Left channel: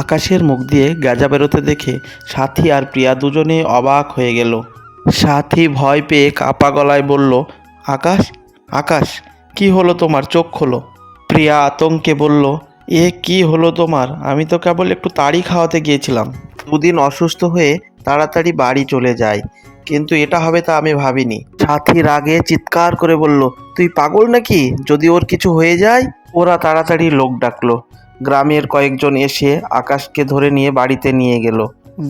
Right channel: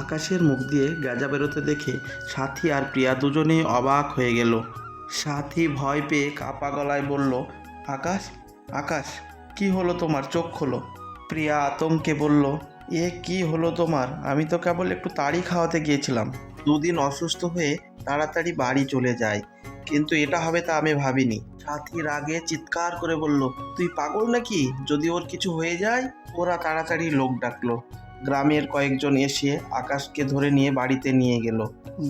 আকাশের মুখ দিয়ে গেজা বেরোতে দেখে সাথী আর প্রিয়া দুজনেই অবাক হয়ে গেল। সাথী ভয় পেয়ে কাপা গলায় বলল, আকাশ, আকাশ, কি হলো তোমার? চোখ খোলো। প্রিয়া আতঙ্কে বলল, এ কি হলো তোমার? আমি তো কেবল একটু তাড়ি খাওয়াতে গিয়েছিলাম। দুদিন অসুস্থ হয়ে তাড়াতাড়ি বাড়ি চলে যায়, কিন্তু এটা হবে তা আমি ভাবিনি। সাথী রাগে চিৎকার করে বলল, তুই পাগল নাকি? যদি ওর কিছু হয়ে যায়? ওরা তাড়াতাড়ি লোক ডাকলো। গ্রামের কয়েকজন এসে আকাশকে ধরে নিয়ে বাড়িতে নিয়ে গেল।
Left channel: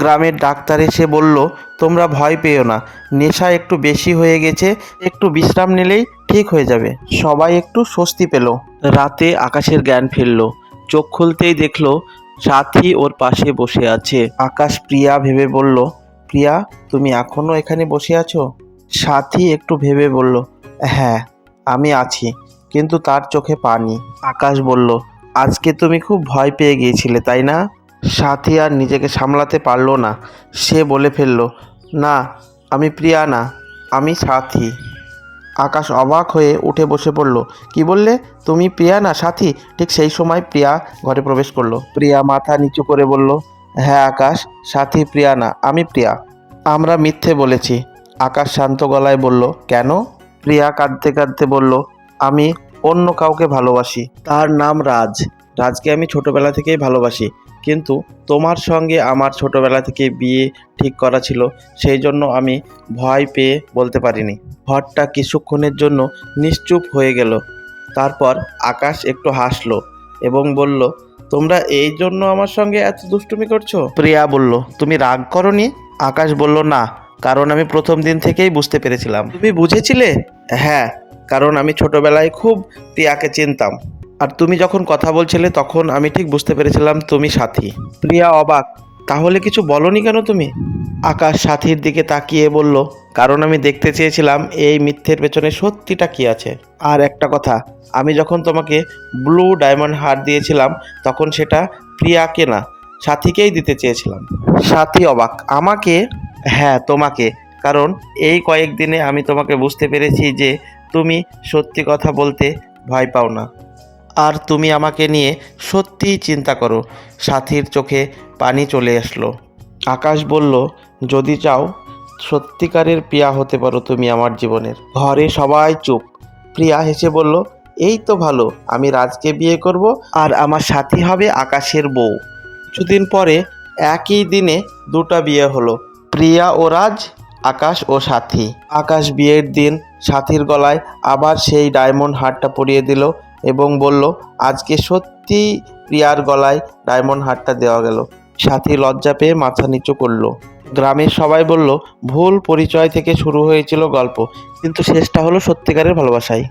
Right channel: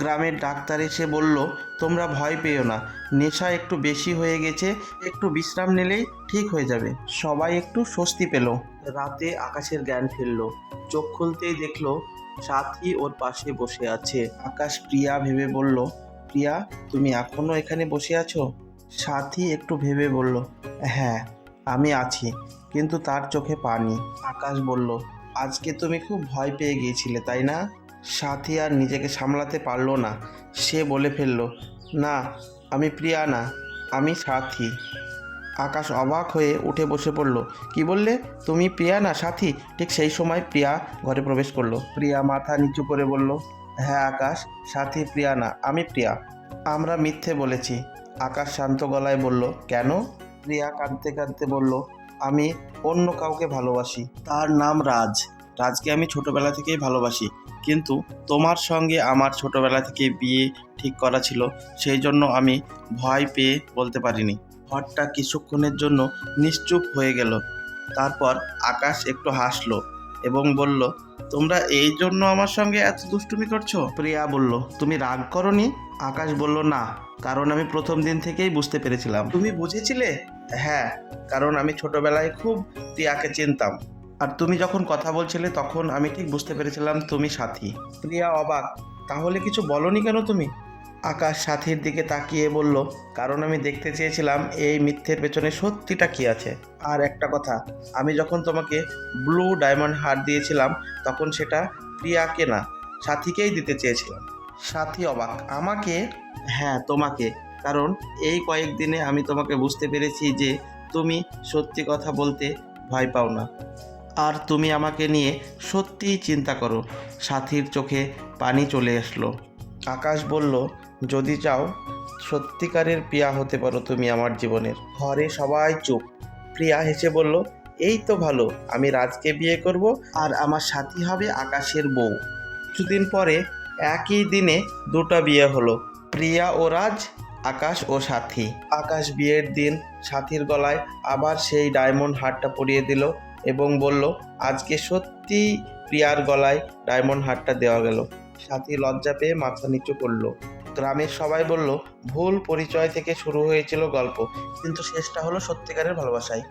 গ্রামের ডাক্তার এসে বলল, তোমরা ভয় পেও না, নেশা একটু বেশি হয়ে গেছে, একটু বিশ্রাম নিলেই ঠিক হয়ে যাবে। সবাই একটু স্বস্তি পেল। রাতে আকাশের জ্ঞান ফিরল। চোখ খুলতেই দেখলো সাথী ওর পাশে বসে আছে। আকাশ প্রিয়া ভেবে বলল, প্রিয়া, তুমি এখনো এখানে বসে আছো? সাথী একটু ভেবে বলল, হ্যাঁ, আমি আছি, কিন্তু তার চোখে পানি। আকাশ বলল, আজকে তুমি খুব ভয় পেয়ে গিয়েছিলে, তাই না? সাথী আর নিজেকে সামলাতে পারল না। সে বলে ফেলল, না, আমি প্রিয়া না, আমি সাথী। আকাশ অবাক হয়ে উঠে বসে পড়ল। কি বললে? তুমি প্রিয়া না সাথী? ঠিক সেই সময় প্রিয়া ঘরে প্রবেশ করলো। প্রিয়া মাথা নিচু করে বলল, হ্যাঁ আকাশ, সাথী প্রিয়া না, আমি প্রিয়া। আমরা মিথ্যে বলেছি। আকাশ শান্ত গলায় বলল, কেন? প্রিয়া কাঁদতে কাঁদতে বলল, আমি অন্য কাউকে ভালোবাসি, তার নাম রাজ। রাজকে আমি ছোটবেলা থেকেই ভালোবাসি, কিন্তু তোমার সঙ্গে আমার ছোটবেলা থেকে বিয়ে ঠিক করা ছিল, সেই জন্য আমি ভয় পেয়ে বলতে পারিনি। ঘরটা কিছুক্ষণের জন্য নিশ্চুপ হয়ে গেল। তারপর আকাশ একটু হাসলো এবং বলল, তোমরা এই জন্য আমার সঙ্গে এত দুষ্টুমি করছো? প্রিয়া বলল, তুমি রাগ করনি? আকাশ বলল, না, কারণ আমি প্রথম দিন থেকেই বুঝতে পেরেছিলাম। তুমি বুঝেছিলে? হ্যাঁ, কারণ আমি ছোটবেলায় খুব প্রিয়াকে চিনতাম, আর তুমি যখন কথা বলছিলে তখন আমি ঠিক বুঝতে পেরেছিলাম তুমি সাথী। প্রিয়া অবাক, তাহলে কিছু বলনি কেন তুমি? আকাশ সাথীর দিকে তাকিয়ে বলল, কারণ আমি দেখতে চেয়েছিলাম এই মিথ্যের পেছনে সত্যিটা কি আছে। আর একটা কথা, আমি যখন তোমাকে ব্লু ডায়মন্ড হার দিয়েছিলাম তখন সেটা প্রিয়াকে না, সাথীকেই দিতে চেয়েছিলাম। সাথী অবাক, আমাকে? হ্যাঁ, তোমাকে, কারণ এই কয়েকদিনে আমি তোমাকে বুঝতে পেরেছি যে তুমি সত্যি কথা বলতে ভয় পাও না, আর তুমি আমাকে নিয়ে সত্যিই চিন্তা করো। সাথীর চোখে পানি চলে আসলো। আকাশ বলল, যদি চাও সত্যিকারের প্রিয়া হতে পারো তুমি আমার জীবনের। ঘরে সবাই চুপ। প্রিয়া হেসে বলল, এই তো ভালো, আমি রাজকে বিয়ে করব আর আমার সাথী হবে আকাশের বউ। কিছুদিন পরে একই দিনে দুটো বিয়ে হলো, প্রিয়া ও রাজ, আকাশ ও সাথী। আকাশ বিয়ের দিন সাথীর গলায় আবার সেই ডায়মন্ড হারটা পরিয়ে দিল এবং বলল, আজকে সত্যিই প্রিয়ার গলায় ডায়মন্ড হারটা দেওয়া গেল। সাথী লজ্জা পেয়ে মাথা নিচু করলো। গ্রামের সবাই বলল, ভুল পরিচয় থেকে শুরু হয়েছিল গল্প, কিন্তু শেষটা হলো সত্যিকারের ভালোবাসায়।